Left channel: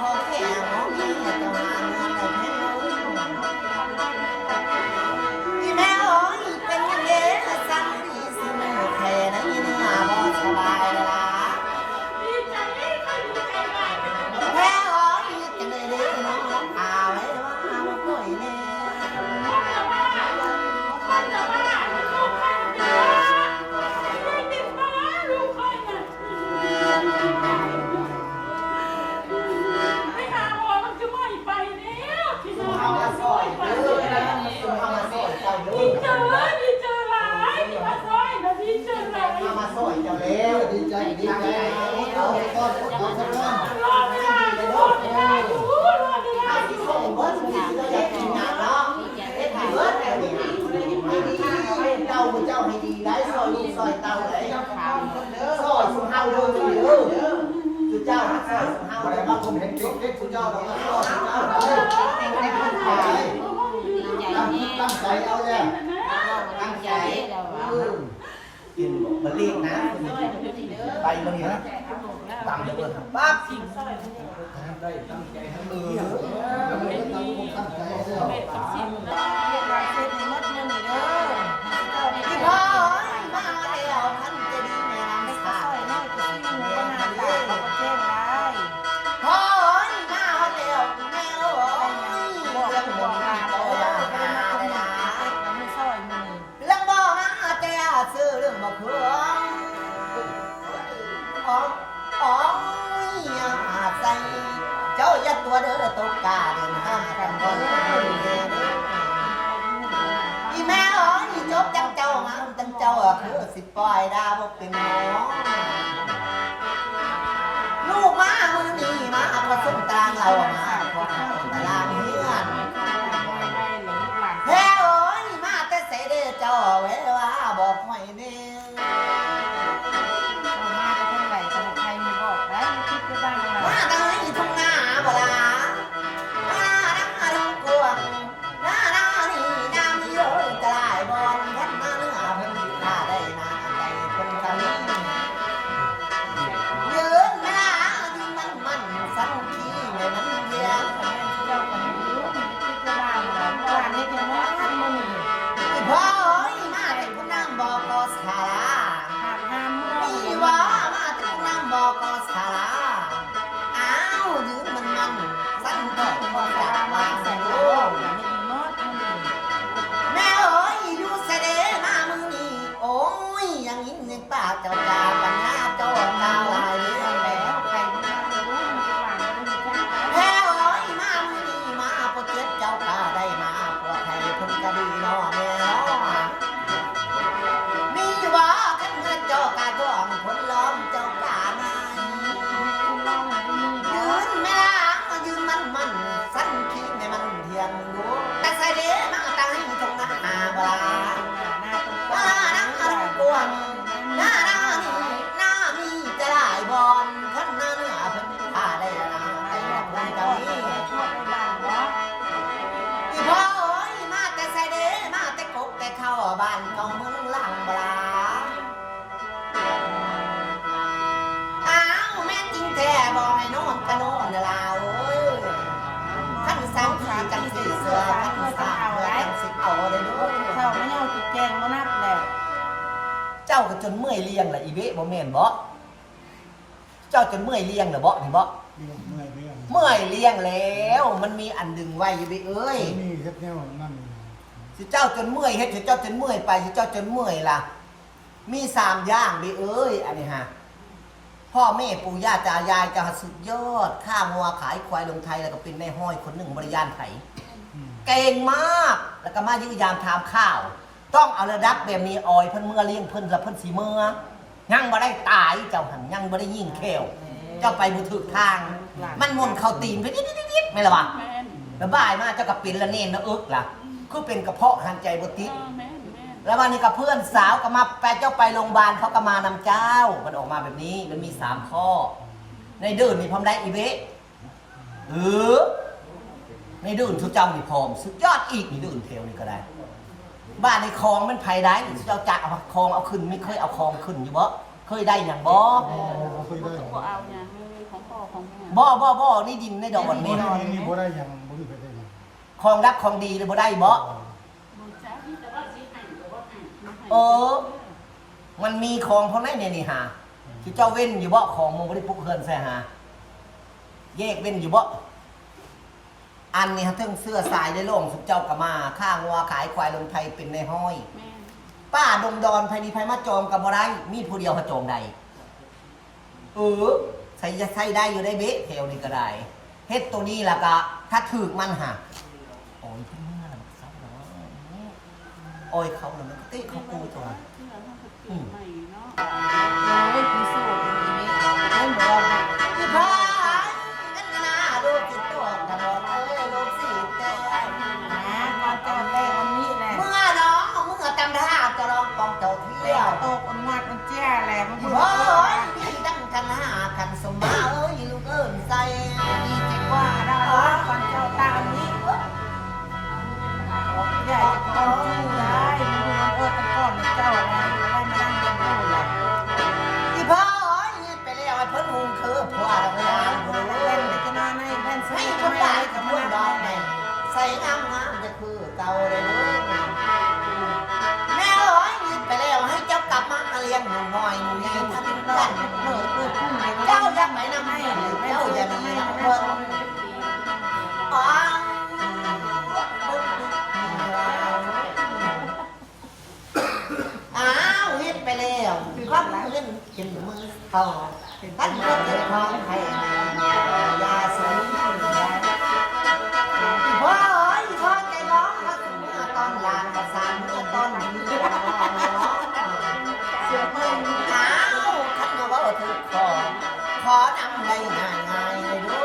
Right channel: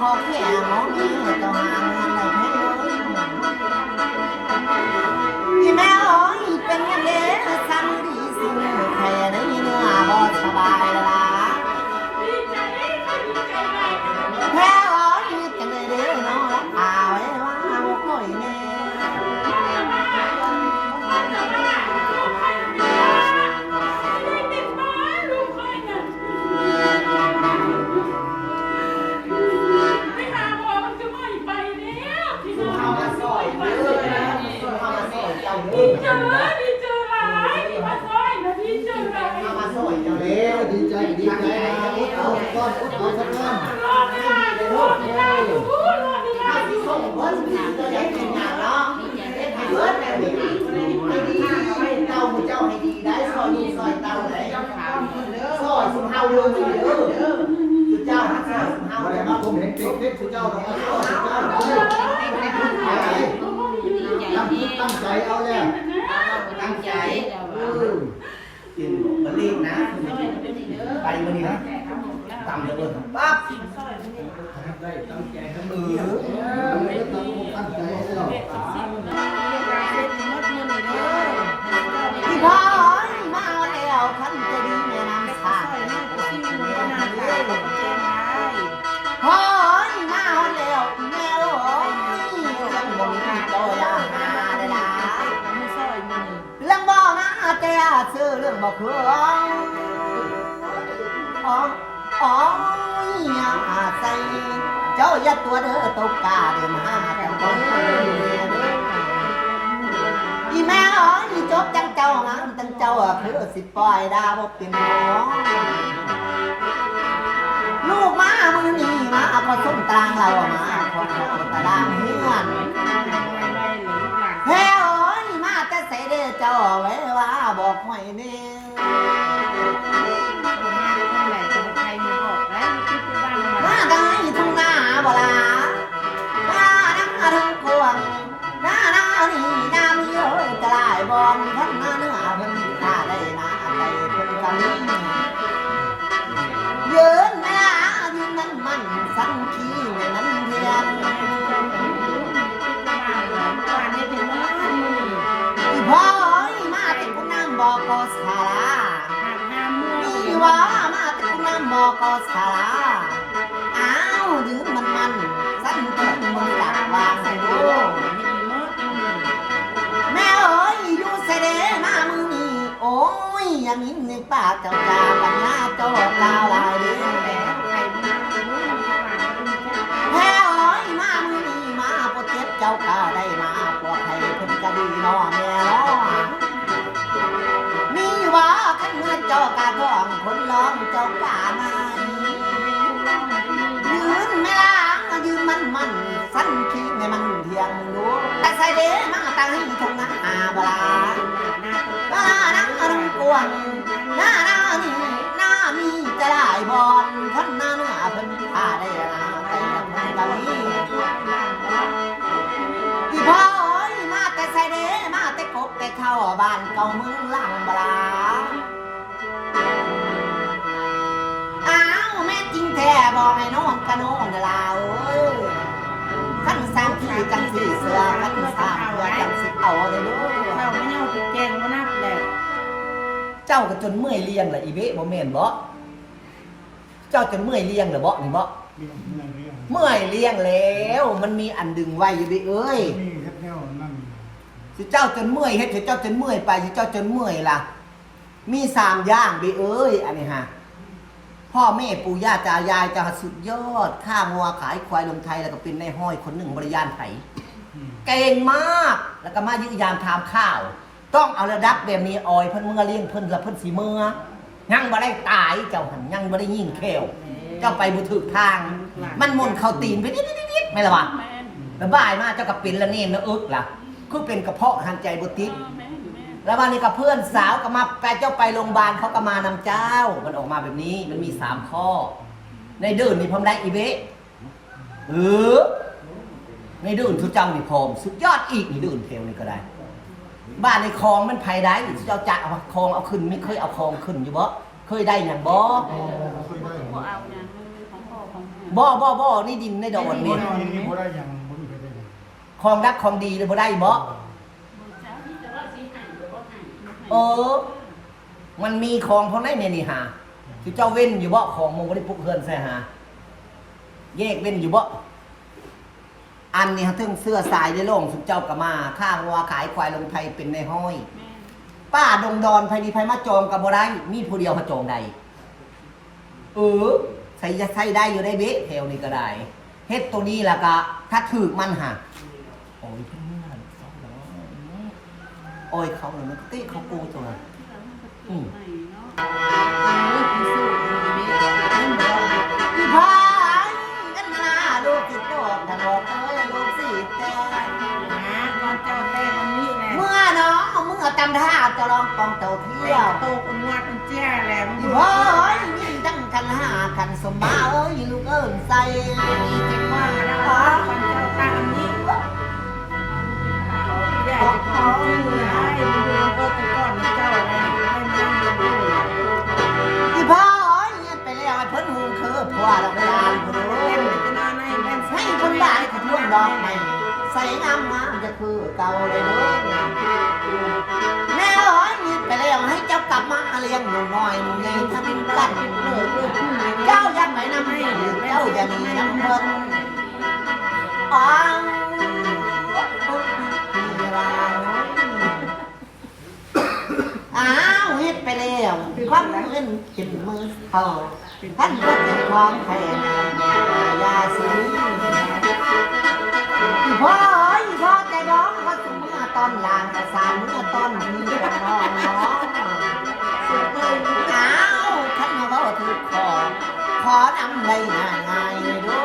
ขอแค่มองนี้เจ้าหาเงินได้แค่ที่แม่โอ้ยเป็นยังไงสั่งดีสิใครได้เนื้อบ่สบายละแค่โอ้ยจังเลยเด้อน้องละอาไว้ว่าบ่ค่อยแน่ดีใจดีใจพุทธเอาสักก้อนพุทธเอาสักก้อนเจ้าให้ดีได้ซอยดูซอยเต่าได้ซอยสุเฮาเด้อเจ้าหักษาสุเฮา อะไรมาผมเห็นเด็กๆคุณเจ้าเราก็สุเจ้าได้ตั้งใจเอาแล้วตั้งใจกินบะรีบนะไปวันนี้นะตามจะเบิดปั๊บตั้งใจแล้วพี่พ่อมาแล้วพันจะดีแม่นำสาพ่อมาแล้วแม่โอ้ยยังบ่มีโตยาหาได้ล่ะเรื่องบ่มาแต่ซื้อเรื่องบ่เพื่อนอ๋อใส่เจ้าอย่าตัวเด้อตกกาเดินหาแต่คนคนเด้ออีแม่อ๋อนี่จบจังเจ้างามจังเจ้าคือสิปล่อยดาบ่เป็นหมอลูกมามือนี้มาพอส้มตารางเรามาพอตารางเฮือนเฮ้โอ้ยมาแต่เสด็จเจ้าไว้ว่าบอกไว้เนี่ยมาดังนี้ทุ่งนาบ่ลามาดังทุ่งกวางนานี่นามีเลยจะลายบอลท่านนาเนื้อเพิ่นถ้าได้นาใจเพิ่นกันนี้ยืนเวลายืนมันสังขีแม่นั้นเทียนอีพ่อมาติดคุณน้ำบอกกสารามีว่ามาติดคุณน้ำบอกกสาราอ้าวยืนมันสังขีมันอยากวางดูแม่เอ้ยอยู่เสด็จมามึงนี่โอ้ยอย่างนี้นึกป้าเจ้ากาปัญญาเจ้ากาวลายเลี้ยงแล้วแม่เอ้ยมามึงนี่มาปวดเจ็บเจ้ากาได้มาปวดให้เพิ่นจะดีนอแน่ล้อนี่ว่าขันเงินเจ้ากาท้องคนร้องเจ้ากามายืนไม่ล้างยืนมันสั้นขี้ในมันเทียงมึงดูแต่ใส่เด้มาตั้งให้ทงนาบลาน้ารุ่งกวงน้ามีจะได้บอลขันหน้าเนื้อเพิ่นท่าได้ละแต่ยังไม่กำนี้พี่พ่อเอ้ยมาแต่ใส่เด้มาแต่กบแต่เข้าบ้านเก่าเมืองหลังบลาอ้าวแม่จริงแท้บอกให้นอนกะนอนลาวเอ้ยขั้นสามที่จังที่เสือขั้นสามเสือจังสิเอาเลยด้วยเราไม่เอาจุดแกงมานับเลยเจ้าก็จนเมื่อยเลี้ยงละอีเบ้บ่แม่นบ่เจ้าจนเมื่อยเลี้ยงละบ่นี่บ่เมื่อยเลี้ยงแล้วมันมีอันดึงไว้อยู่เบ้เอ้ยสิเจ้าจนเมื่อยเฮ็ดสิเจ้าจนเมื่อยไปสิเจ้าจนเมื่อยล่ะมี3อย่างเบ้เอ้ยอันนี้ฮะพ่อแม่ปู่ย่าตายายจะสุดยอดข้างัวขายควายลงไทยแล้วก็เป็นในห้อยคนหนึ่งบริยานไถเก่งมากแล้วก็มายืนยามถามข้าวต้องเอาระดับแบบมีออยเพิ่นเมื่อเลี้ยงเพิ่นละเพิ่นสีเมื่อยังบ่ได้ตายเจ้าหันยังบ่ได้ยิงแขวเจ้าไปบ่ถูกทางมันม่นเข้าตีนไปนิดๆไม่ละวะระบายมาเจ้าก็เป็นละเนนละอึกล่ะคือเป็นกระเพาะหันใจบ่ติดแล้ววันนี้กับเพื่อนสาวก็มาไปเจ้าไปโรงพยาบาลเขาก็มานำเจ้ามันออกมาแบบนี้มันมี3ข้อในเดินมีพร้อมได้อีเบะในเดินทุกเจ้านี่พร้อมสุดยอดอีกในเดินเทวนี่ก็ได้บ้านในคลองมันไผได้เจ้าจะเอาคลองเอาขึ้นไม่เคยเอาคลองขึ้นอยู่บ่เคยได้อย่างบ่ บ่นี่ดินในดอนนี่ นี่บ่ได้ยังบ่ได้ไปได้ ของรักของดีเลยบ่ได้บ่มันมีของเท่านั้นเนี่ยนี่หาที่เจ้าเว้นอยู่บ่ของมึงบ่ได้ปลุกเฮือนใส่หาแยกเว้นอยู่บ่อันนี้ฮะถึงเสื้อสายได้ลงสุเจ้าก็มาข้างวัวขายควายลงไทยเป็นในห้อย ป้าดงดอนไผดีไผมาจองกับบ่ได้มีผู้เดียวมาจองใดใส่จะใส่ได้อยู่ได้เบ๊ะแถวนี้ก็ได้เฮ็ดตัวนี้ล่ะก็ถ้าถูกมันหะโอ้ยเมื่อน่ะซ้อมแล้วโอ้ยเขาน่ะมันก็ติเขากูตัวพี่พายกันนาลูกสิโตถนนลูกสิแต่ มันเจ้าเต้คนนี้แหละ เมื่อน้องมึงเอาจำท่าจะลองกองเจ้าเที่ยว โตคนงาคนเจ้าแหละมึง เฮ้ยมีตั้งคันหาคันสมมาลูกใส่ ว่าเราคนเจ้าตามนี้อยากขอที่ให้ดูตะก้อนเจ้าอะไรให้มันยังดู พี่พ่อไปแล้วเพิ่นหุงคือผัวเราไปลาอยู่ เล่นจะน่าในเล่น ให้คนบ้านคนร่วงดอกใหม่ใส่งามจะคือเก่าเลยเด้อแม่ยืดไปแล้วให้เจ้ากลับมาเลี้ยงหนูน้อยหนูใหญ่ทำกันเจ้าอย่าไปนำให้เจ้าอย่ามีน้ำเพิ่นเฮ็ดไปแล้วความเล่นขึ้นมือเขาท่านก็เป็นของแทนยาสีพ่อใจน้องเขาถึงเมื่อตอนลานประสานเมื่อตอนนี้กันน้องท่านเขาถือขอนำได้ง่ายเลยดู